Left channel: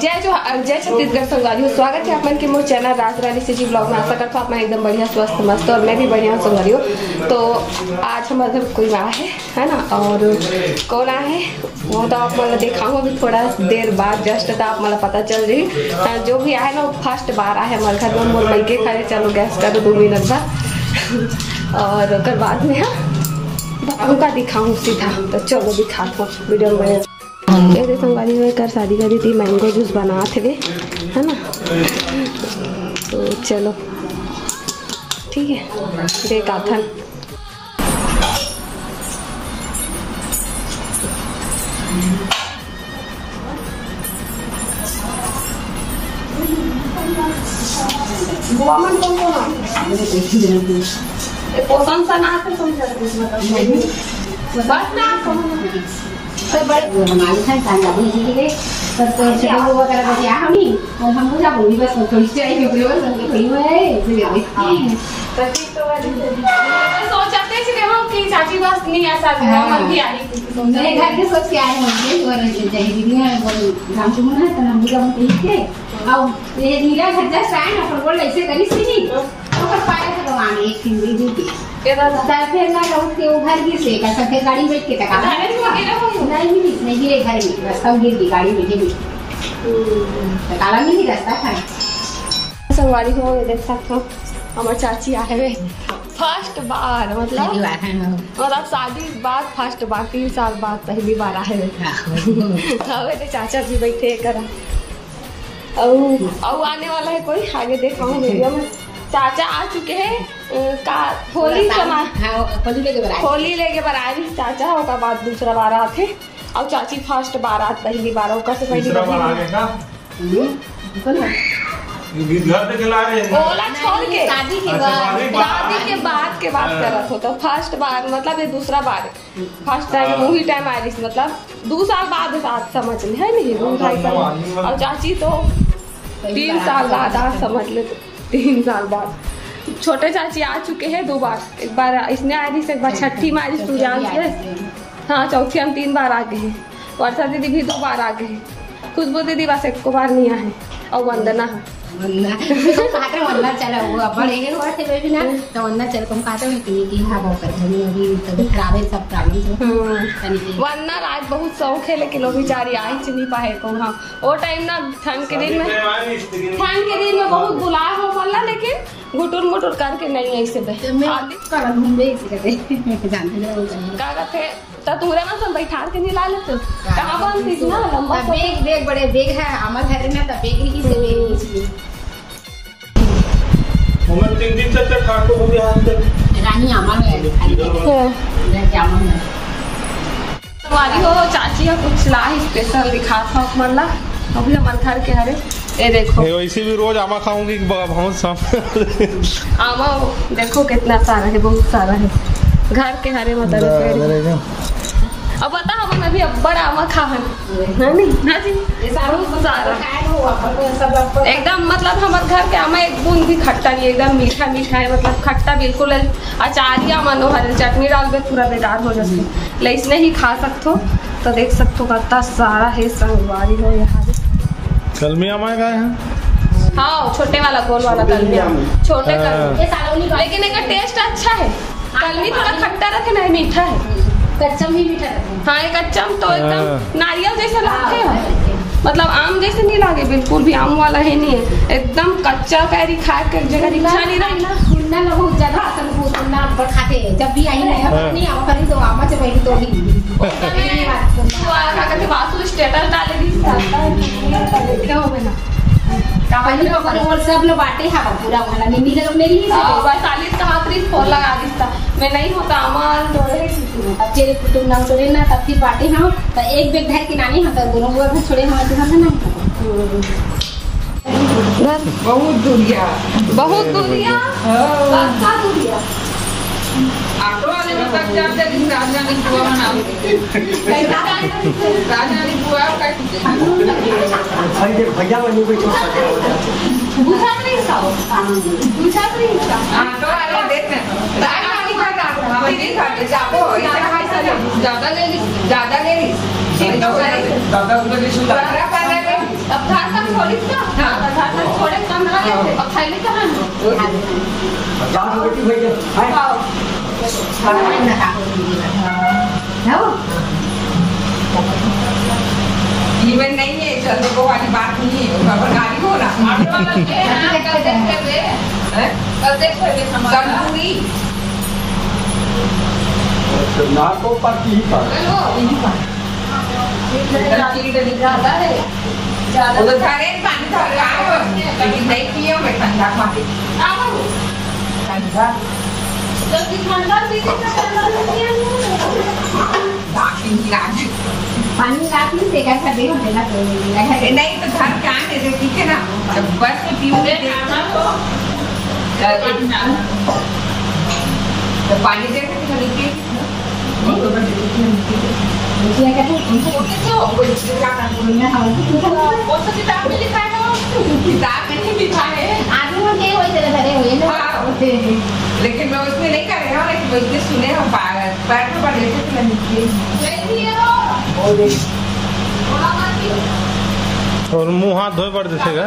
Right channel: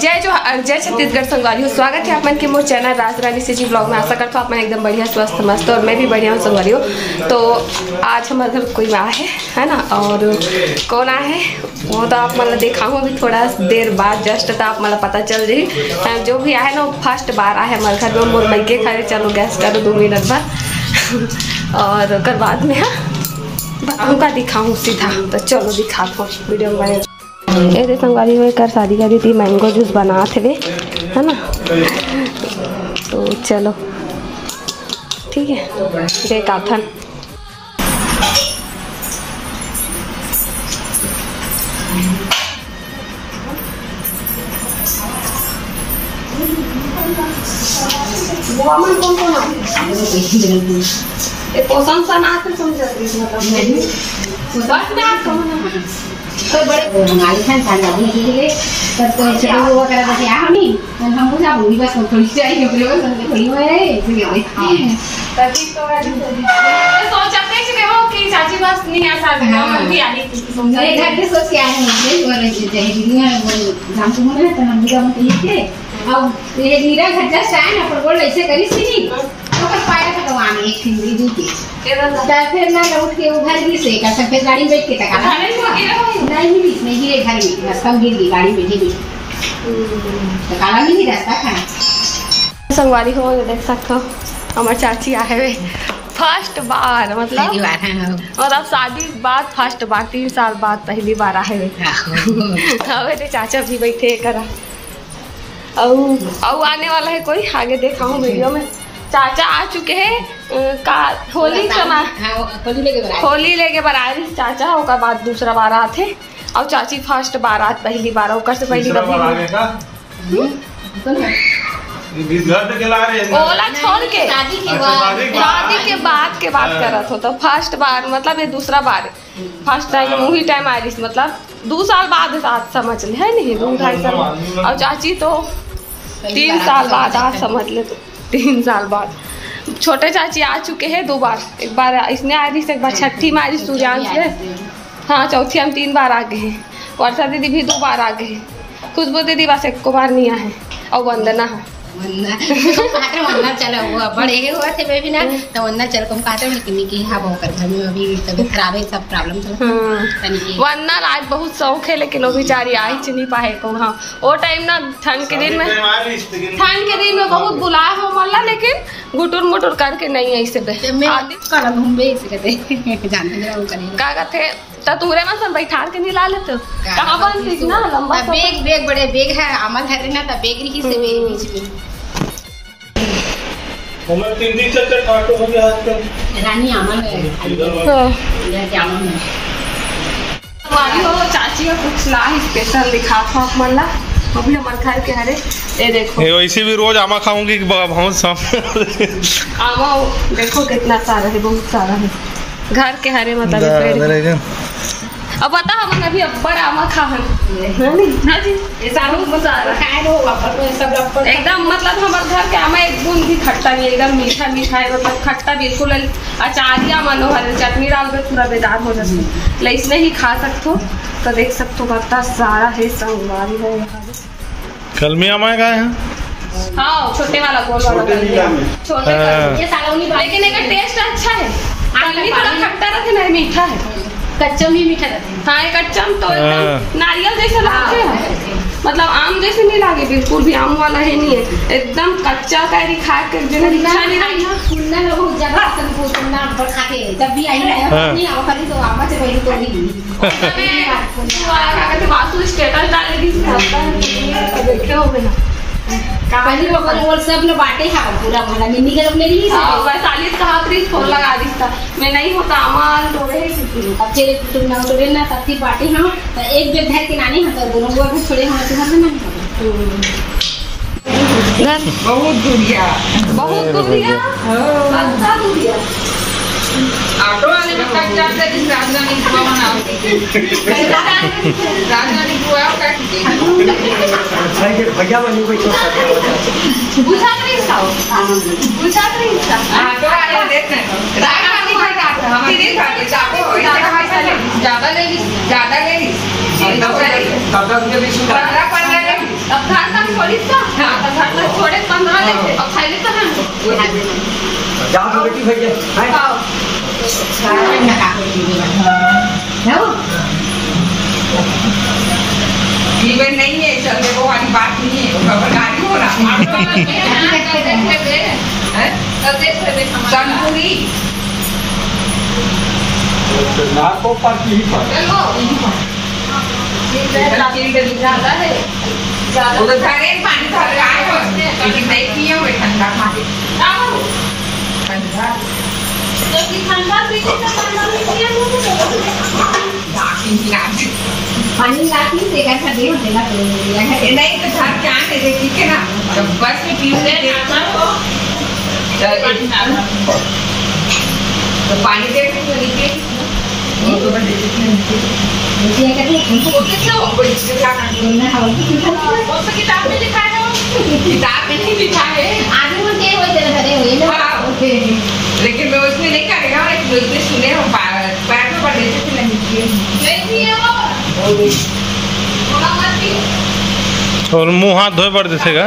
जय छत्तीसगढ़ संगवारी हो। स्वागत है आप मन के मोर चैनल राज रानी से जी ब्लॉग में। आशा करता हूँ आप मैं एकदम बढ़िया स्वस्थ मस्त और मैं भी बढ़िया हूँ संगवारी हो। तो आज हमारे घर कोई आया है ना, और कौन आया है वो तो आप मतलब दिखाऊँ अभी थोड़ा देर बाद जस्ट, तो आप मतलब पता चल जाए। जो भी आया ना वो फर्स्ट बार आया है हमारे घर में। मोर मैके खड़े चलो गैस करो 2 मिनट बाद और कर बाद में हाँ उनका दिखाऊँ सीधा। तो चलो दिखाता हूँ वीडियो में बने। ये संगवारी में कर शादी करी थी, मैंगो जूस बना थे है ना। तो चलो ठीक है देख आथन। पोषण सा ना तो बड़े हमारी संस्थान का भी है पर तो चलो वो वगैरह बचे आ नहीं और हम लोग आप बस थोड़ी सी आई है लोग समझ थोड़ी है तभी तो सोचते हैं कि वो कि चाची बस नहीं ऐसा हम भी आ रही मेरे घर के सोच के आए हैं बोले चाहिए दीदी वो नाम तो ना तो हम लोग ठीक है। अब ये नीरा घर जस्ट आए ना पर बोल ऐसे करी सी तो पाया तो आने एक हिंदी दूती फिर ना उठ के उधर भी से का फिर गाड़ी बैठ के तक नहीं गिरे घर में रास्ता गिर गई गाड़ी बैठे भी तो काला नहीं रास्ता खाना संगवारी हो देख सकते हो। हमारे चाची आए हुए फर्स्ट बार मतलब शादी बाद फर्स्ट बार 3 साल बाद पहली बार आए हुए। चाचा भी बैठे करा और आने वाला है कोई आगे देखाऊँ वीडियो में। चाचा आ चुके हैं का होली होली लेके बार आए चाचा ओका बाद दूसरा बार आते और चाची फर्स्ट बार आत पहली बार ओका से पहली कभी ओला छोड़ के शादी के बाद के बात करत हो। तो फर्स्ट बार मतलब ये दूसरा बार फर्स्ट टाइम वही टाइम आई मतलब 2 साल बाद साथ समझ ले है नहीं 2-2.5 साल। और चाची तो 3 साल बाद आज समझ ले तो 3 साल बाद। छोटे चाची आ चुके हैं 2 बार, एक बार इसने आ रही एक बार छठी में आ रही सूर्यांश से हाँ, चौथी हम 3 बार आ गए हैं। वर्षा दीदी भी 2 बार आ गए हैं। खुशबू दीदी बस 1 बार नहीं आए और वंदना है वंदना चलो वो बड़े हुए थे बेबी ना तो वंदना चल को हम कहते हैं कि हां वो कर घर में अभी तबीयत खराब है सब प्रॉब्लम चल वंदना रात बहुत शौक है लेकिन वो बेचारी आ ही नहीं पाए को। हाँ वो टाइम ना ठंड के दिन में बहुत बुलाए हो मल्ला लेकिन गुटुर मुटुर करके नहीं ऐसे कल घूमे ऐसे कहते जानते हैं वो करेंगे का कहते तो तुरे में सब बैठा के नहीं ला लेते कहां बन थी ना लंबा बैग बड़े बैग है हमारे घर में ना तो बैग ही से बैग हम 3 दिन चलते ठाकुर हो गया रानी अमन है ये अमन है वाली हो चाची का कुछ ला स्पेशल दिखा था मल्ला अभी हमारे घर के हरे ये देखो ये वैसे भी रोज आमा खाऊंगी बहुत शाम आमा देखो कितना सारा है, बहुत सारा है घर के हरे मतलब। अब बता हम अभी अब्बर आमा खाहन एकदम मतलब हमारे घर के आमा एक बूंद भी खट्टा नहीं, एकदम मीठा मीठा है मतलब खट्टा बिल्कुल। अचारिया मनोहर चटनी डाल के पूरा बेकार हो जाती है इसने ही खा सकते हो। तो देख सकते हो कितना सारा है संगवारी है यहाँ कलमी आमा का है। हाँ छोटे वाला गोल वाला छोटे लेकिन एक टेस्ट अच्छा है। कलमी थोड़ा खट्टा रहता है मीठा है, कच्चम ही मीठा रहता है। हाँ एक कच्चम तो एकदम नारियल जैसे लगते हैं मतलब आम जैसे नहीं लगे बिल्कुल भी आम वाला है नहीं है एकदम कच्चा कैरी खा के जगह इच्छा नहीं रही सुनना लोग बहुत ज्यादा सुनना पर खाते हैं जब भी आई नहीं आम खरी तो आमा से पहले तो नहीं वासु स्टेटस डालेगी देखे हो ना पहली बार वो सब लोग बांटे हैं पूरा वाला निन्नी के लोग मेरी ही बस 40 का हाथ फोन लगा दी था मैं नहीं होता अमान तोड़े अब चले तुम ना तोड़े ना तब बांटे हैं तो एक बेग धर के नानी हैं तो दोनों वो भी छोड़े हमारे घर में ना बहुत दूरिया अच्छा दूरिया ऑटो वाले में कट जाते हैं राजधानी बुआ बना राजधानी बुआ काट के भैया बनी कोई बुझा नहीं था ऑटो वाले देते हैं राजधानी बुआ काट हम नहीं खाते चाको ज्यादा ले ली दादा मुझे नहीं सुना। अब छोड़ी तो घर में छोड़े 15 लेते और खाइले तो हम जाओ तो बेटी भैया हाय आओ सारा ना का जाओ जीवन नहीं है चलने को वाली बात नहीं है खबरदारी हो रहा संपूरी नाको पार्टी ही पर ज्यादा है ज्यादा उधर सारे पानी भर रहा है लेकिन नहीं पियो मैं ठंडा खा के आओ ठंडा तो कि ठंडा पीते तो ठंडा नहीं पियो बाकी लाज पानी लाती देगा ठंडे होते ना नहीं तो घर क्या है ठीक है ना तो बस में पीने देना तो पानी दे तो नीचे तो बस मुझे कहते हैं वो कैसे हो कोई इससे क्या करना है कौन सा किताब में लिखा है किताब में नहीं लिखा है आदमी में क्या होते हैं करे हुए ना लेकिन मैं उसमें नहीं करेगा एक इसने सुने हम पैर में पड़ गए थे नहीं और मुंह हाथ धोए पड़ देगा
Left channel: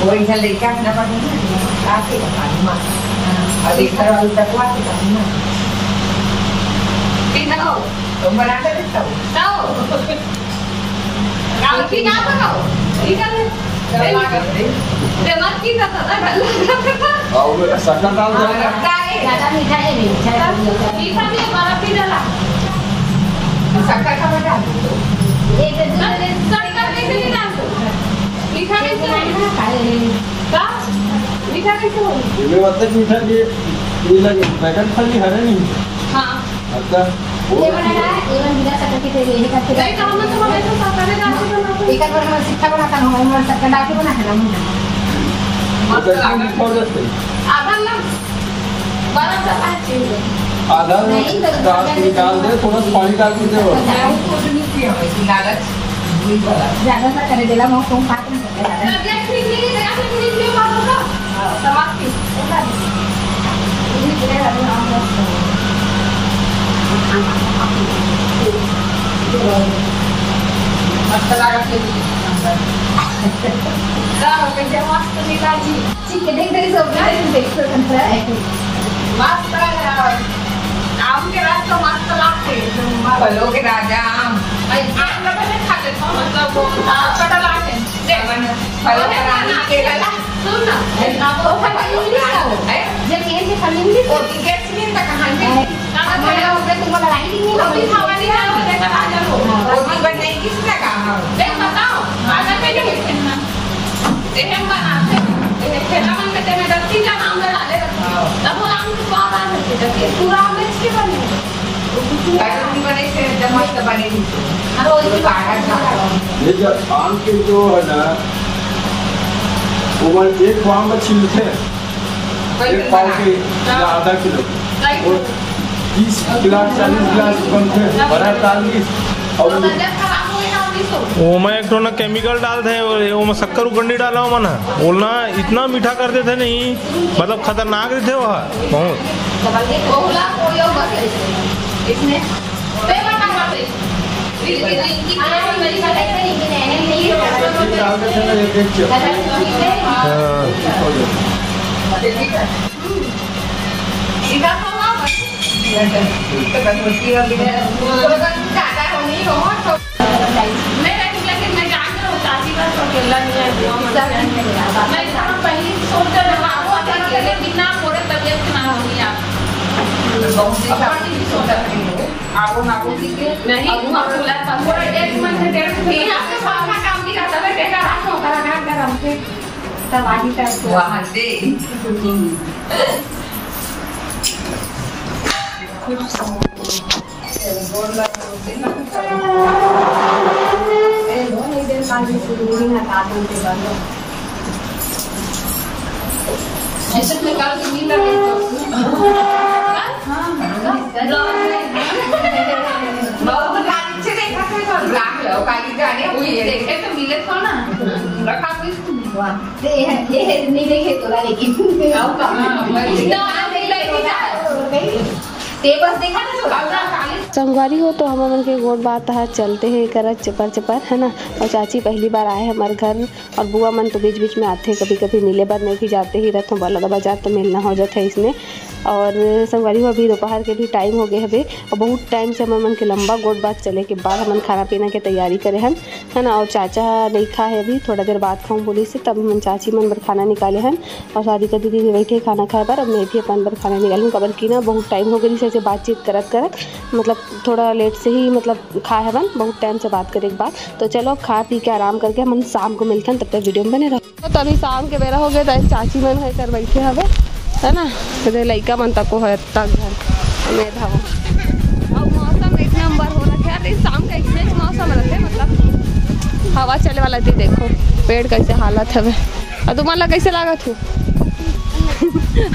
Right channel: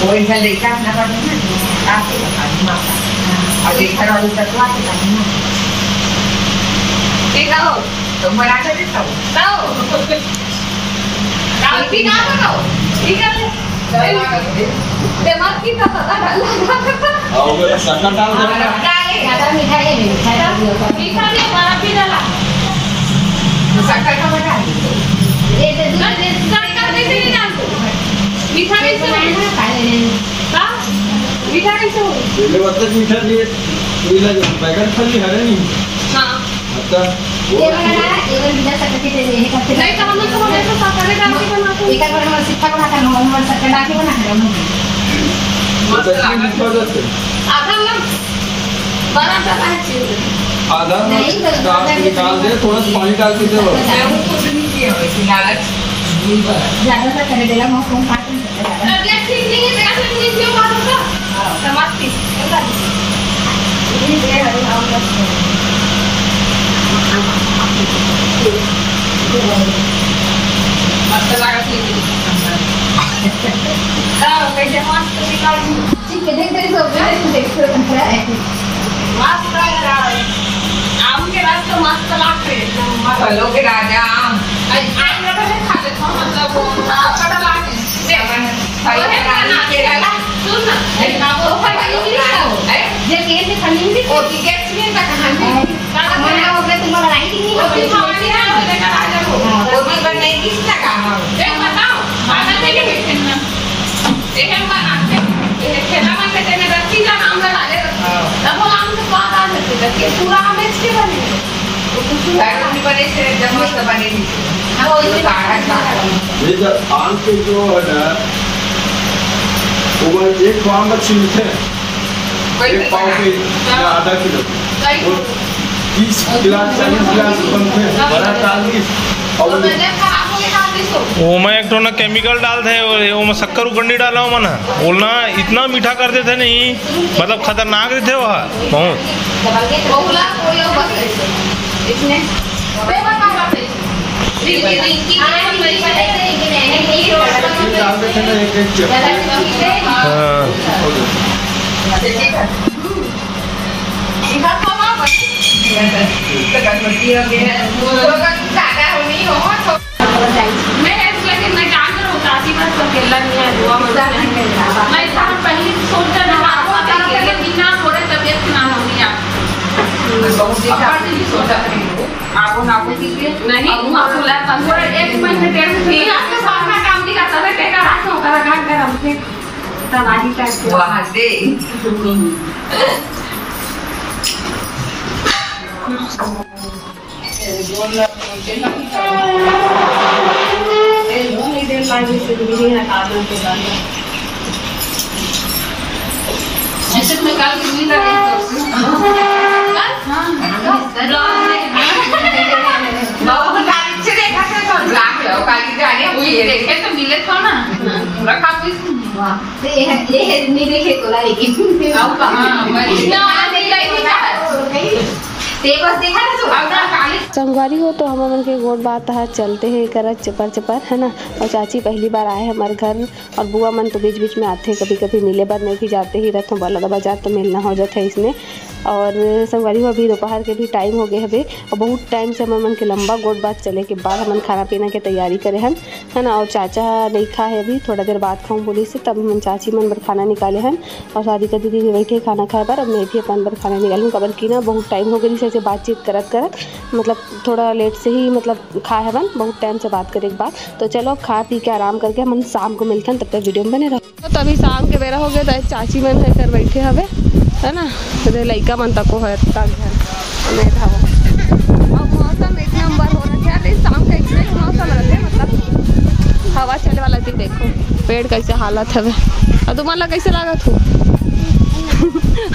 कोई घर लेके आना पड़ेगा ना आपके बता दूँ और एक घर वाली तत्व आते हैं ना ठीक है तो बना कर देता हूँ तो भी ना बनाओ ठीक है दिमाग की और शक्कर डाल दो ज़्यादा मीठा है मीठा भी हमारा भी डाला शक्कर का बता ये शक्कर भी नहीं डालते मीठा कैसे होगा का मीठा कैसे होगा ये मतलब मीठा ये लगे बैगन फली है नहीं हां अच्छा ये बनाना ये बिना शक्कर के ये करते नहीं तो हम तो हमें तो शक्कर डाल के बनाते एक बार हम सिक्का बनाता हूं हम शक्कर डाल के बनाते हैं आधा ना बड़ा सा है आधा निकाल दे थोड़ा पानी डाल के दे कुछ नहीं किया वैसे लालच ज़्यादा सा कर देला मैं कौन काट नहीं सकता ज़्यादा तबियत ठीक नहीं है जगह से नहीं क्यों मारूंगा समाज की ये दे रहा हूं आप मस्त लगा के कैसे मस्त निकाल ठीक है देख सब देख रहा है मस्त लग रहा है आम के रात तो मस्त लगते हैं फलों के राजा आम आम का तो खा लेता हूँ मतलब वो कटल आते हैं फलों के राजा केला सुन ना वो फल नहीं खाओ ये केले से फल नहीं ओ टिकट में का कहानी मैंने हो गया तुम लड़ाई की नहीं हो खावानी है वो लेकर आ जाओ वो भी बनने की लगा देख बताओ आधा में नहीं खेलना देख हम बनाते हैं खेला मन में तेरे रस्सी का नाम लगा ले तब वो आम के बाद आ जाते हैं पूरा आम इसके बने नहीं बने से जब मस्त बने वो इसके बाहर ये जब आम के जो है ना वो एक आम में छिलते एक पाव के आधा किलो 30 गिलास 40 गिलास बनते हैं बड़ा डाल के और वो मैं एक तो ना केमिकल डालते हैं वो मैं शक्कर उकंडी डाला हूँ मना बोलना इतना मीठा करते थे नहीं मतलब खतरनाक रहते वहाँ मैं जान रहा हूँ काफी बार तो अकेला नहीं है मैं जहाँ पहले सोचता था बिना थोड़े तबियत ना होनी आप नहीं एक महीने 1.5 महीने काम भी करता था कहेगा रात होता रखा गरम से तब आगे ऐसे में काल की नींद आ गई बहुत लाइट से देखा था तो ब्लैक है और काली जाने ये देखे तो मिले था ना पूरा काफी वाह ये नहीं देखे तो लेकिन हां मैं इतना नहीं देखे ते बस देखा ना तो आउना काली संगवारी हो तो हम मन के गोड़ बात है चलते हैं करत चपर चपर है ना। और चाची पहली बार आए हमारे घर और बुआ मन तो बीच बीच में आते कभी कभी मिले बार नहीं कि जाते ही रहते बलदा बाजार तो मिलना हो जाता है इसमें। और संगवारी हो अभी दोपहर के भी टाइम हो गए हवे और बहुत टाइम से हम मन के लंबा गोड़ बात चले के बाद हम खाना पीना के तैयारी करे हन है ना। और चाचा नहीं खा है अभी थोड़ा देर बाद खाऊँ बोली से तब हम चाची मन बर खाना निकाले हन और शादी का दीदी बैठे खाना खाए पर अब मैं भी अपन बर खाना निकालूँ कबर की ना बहुत टाइम हो गई से बातचीत करत करत मतलब थोड़ा लेट से ही मतलब खा है बन बहुत टाइम से बात करे के बाद। तो चलो खा पी के आराम करके हम शाम को मिलते हैं तब तक वीडियो में बने रहो। तो अभी शाम के बेरा हो गए तो चाची मन है कर बैठे हवे है ना लड़का मन तक को है घर हमें था और मौसम एक नंबर हो रहा है। शाम का एक मौसम रहते मतलब हवा चले वाला जो देखो पेड़ कैसे हालत है और तुम्हारा कैसे लागत हो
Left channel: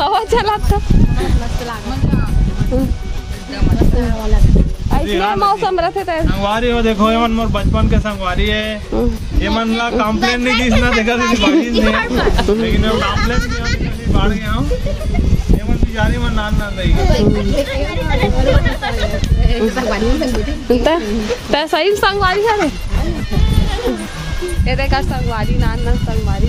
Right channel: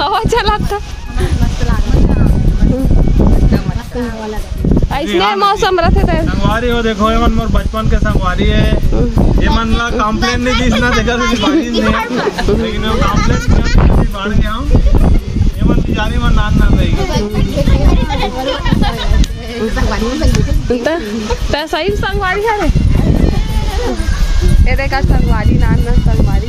हवा चला था इसने मौसम रखे थे संगवारी हो देखो ये मन मोर बचपन के संगवारी है ये मन ला कंप्लेंट नहीं की ना देखा थी बाड़ी ने लेकिन वो कंप्लेंट नहीं बाढ़ गया हूं ये मन जारी मन नान ना रही ता सही संगवारी है ये देखा संगवारी नान ना संगवारी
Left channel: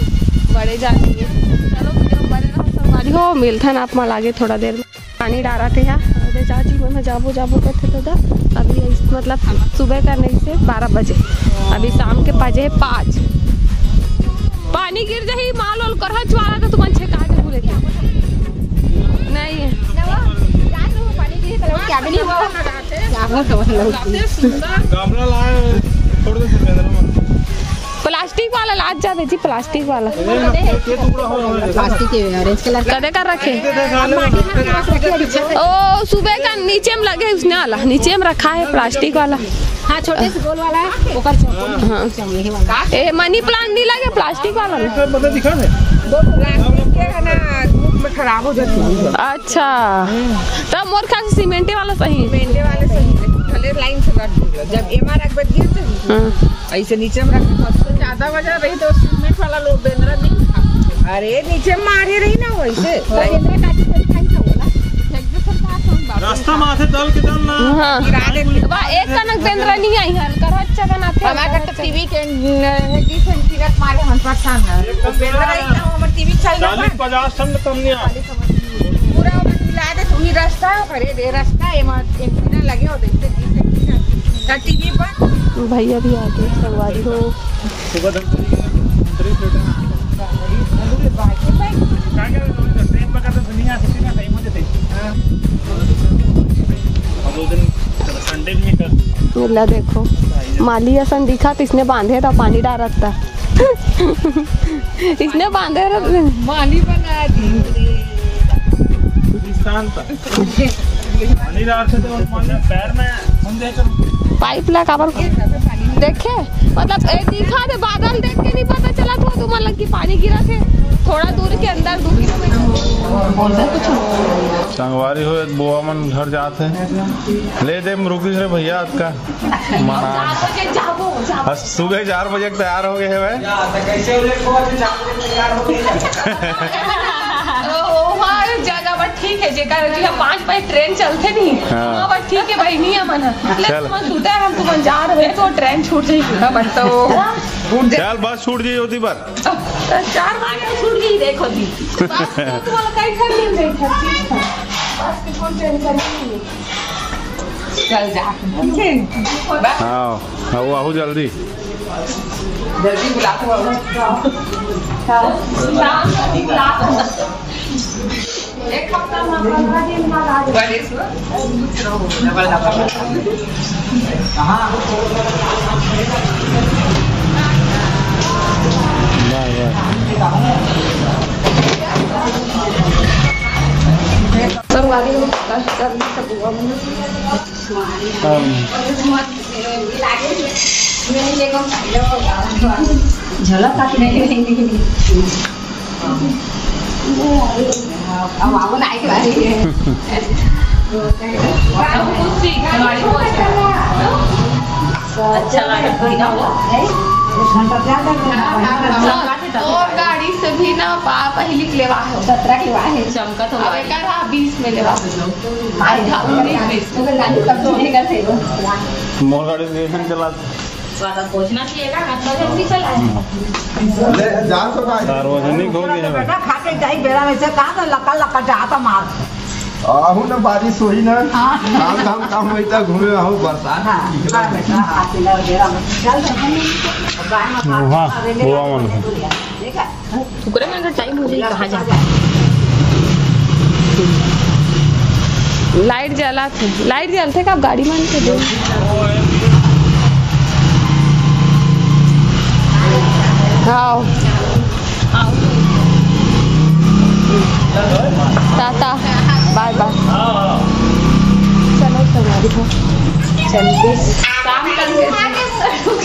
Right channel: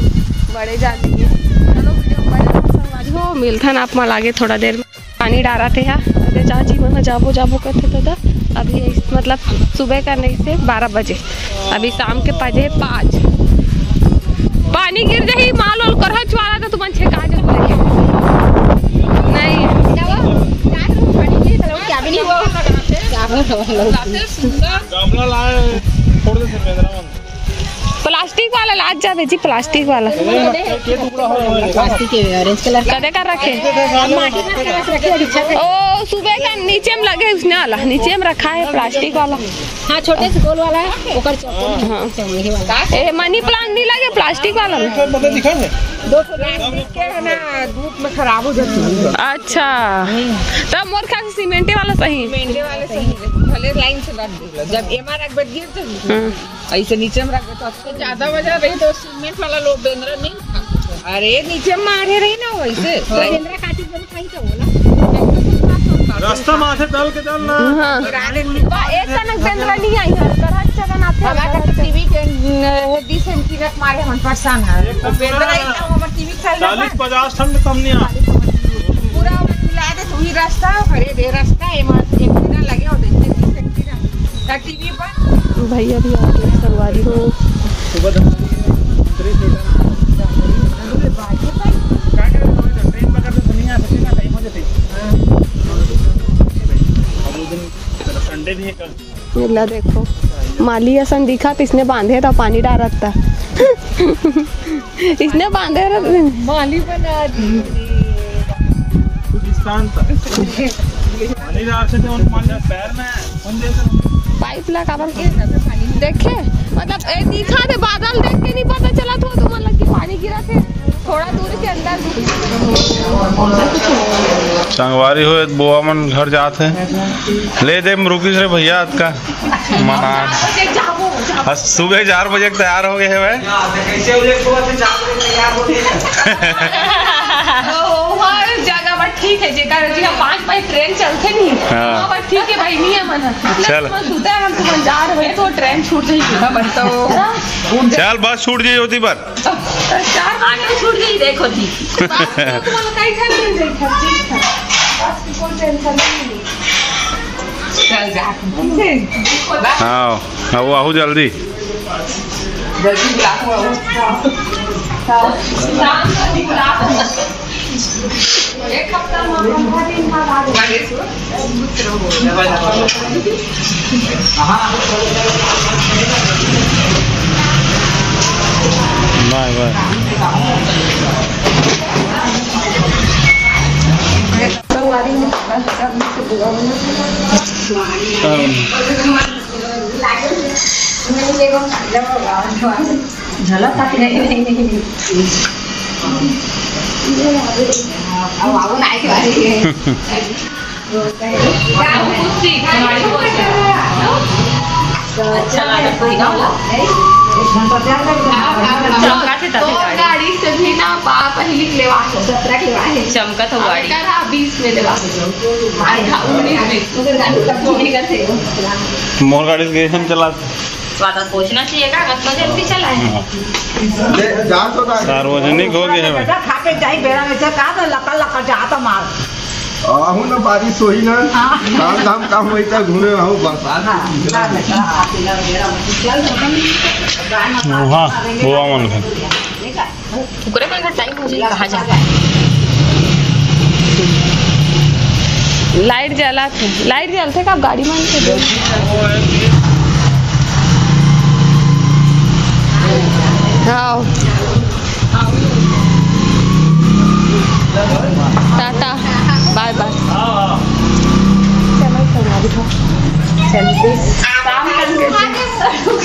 बड़े जाती है। चलो संगवारी हो मिलता ना आप माल आगे थोड़ा देर में पानी डाला थे यहाँ अरे चाची मन जाबो जाबो करते तो अभी मतलब सुबह का नहीं से 12 बजे अभी शाम के बजे 5 पानी गिर जाही माल वाल कर वाला तो तुम छेका दे लेके नहीं क्या भी नहीं हुआ गमला लाए छोड़ दे से प्लास्टिक वाला लाज जा बेची प्लास्टिक वाला प्लास्टिक के ऑरेंज कलर कदे कर रखे माटी में रखे ओ सुबह का नीचे में लगे उसने वाला नीचे में रखा है प्लास्टिक वाला। हाँ छोटे से गोल वाला है ऊपर चौड़ी वाला ए मनी प्लांट नहीं लगे प्लास्टिक वाला में पता दिखा है दो प्लास्टिक के है ना धूप में खराब हो जाती है। अच्छा तब मोर ख्याल से सीमेंटे वाला सही मेंढे वाले सही भले लाइन से रख दो जब एमआर रख बच गए ऐसे नीचे में रख दो ज्यादा वजह रही तो सीमेंट वाला लोग बेंद्रा नहीं अरे नीचे मारे रही ना वैसे रास्ता माथे डाल के डालना। हां एक कनक बेंद्रा नहीं आई है करहट चगन आते टीवी डिसेंट की मारे हम परेशान है बेंद्रा हमर टीवी चल रहा 40-50 टन कम नहीं आ पूरा मिला दे वही रास्ता है खरे दे रास्ता है एमआर के बिना लगे हो दे टीवी पर भैया भी आ गए संगवारी हो सुबह दम ट्रेन पकड़ते दुनिया से ना टाइम हो जाते संडे भी कर ला देखो माली असन दिखा तो इसने बांधे था पानी डाल रखता इसने बांधे माली बना दी पानी डाल से पैर में पाइप लगा देखे मतलब ए दिखा दे बादल देख के नहीं पता चला तो तुम मतलब कि पानी गिरा थे थोड़ा दूर के अंदर संगवारी हो बुआ मन घर जाते हैं ले दे रुकी रे भैया का मना सुबह 4 बजे तैयार हो गए है ठीक है जेकर जी 5 बजे ट्रेन चलते नहीं हां बस ठीक है भाई नहीं है मन चल सुता हम तुम जा रहे तो ट्रेन छूट गई बस तो चल बस छूट गई होती पर 4 घंटे छूट गई देखो थी कैसा नहीं देखा ठीक था बस कोई टेंशन नहीं चल जा हां आओ जल्दी एक हफ्ता में 15 दिन बाद आ गए बाय बाय झलक आती नहीं अब नहीं कर रही है अच्छा गाड़ी से भी ना पहली के लेवा हो 17 के है चमकत हो गाड़ी 20 में लेवा हो 19 उधर गाड़ी तब नहीं करते हो मोर गाड़ी से हम चला ज्यादा पूछना चाहिएगा कितना जल्दी चला है जा तो ना सार्वजनिक हो गया है भाई खा के जाई बेरा में से कहा लका लका जाता मार आहू ना बारिश होई ना काम धाम काम होई त घूमे आहू बरसात हाँ गोवा मन है ओकरे में टाइम हो जाए कहां जा लाइट जला थे लाइट जलते का गाड़ी मान के दे आओ टाटा बाय बाय चलो चला दिखा चलते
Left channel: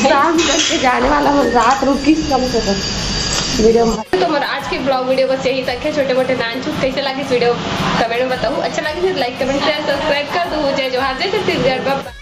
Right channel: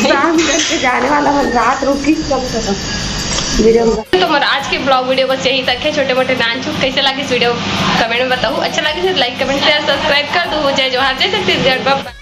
शाम करके जाने वाला हम रात रुकी कम से कम वीडियो में तो मेरा आज के ब्लॉग वीडियो बस यही तक है। छोटे मोटे नान चुप कैसे लगे इस वीडियो कमेंट में बताओ। अच्छा लगे तो लाइक कमेंट शेयर सब्सक्राइब कर दो। जय जोहार जय छत्तीसगढ़।